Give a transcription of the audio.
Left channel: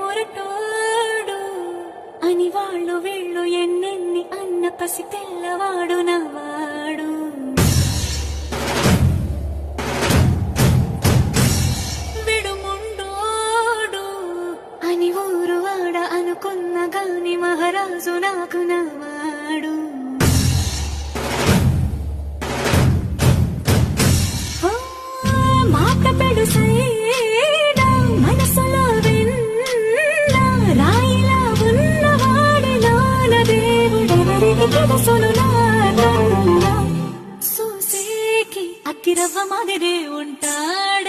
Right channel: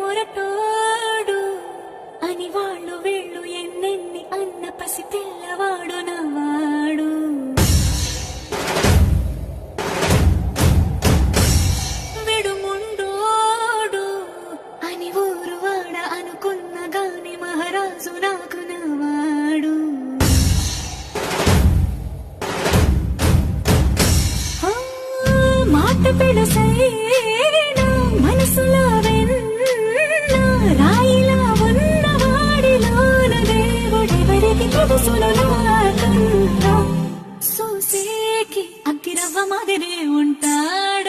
మొరటోడు అని వాళ్ళు వీళ్ళు ఎన్నెన్ని అన్న పసి పిల్లవాడు నవ్వాడు. విడుముండోడు అని ఊరు వాడ అనుకున్న గాని మహారాజు నాకు నవ్వాడు. మాట పెడుసైనా మనసులో వెన్న రాయిలా ఉన్నవాడిలోన దేవుడెవరికి తెలుసును నాకన్నా. సూసేకి అగ్గిరవ్వ మాదిరే ఉంటాడు.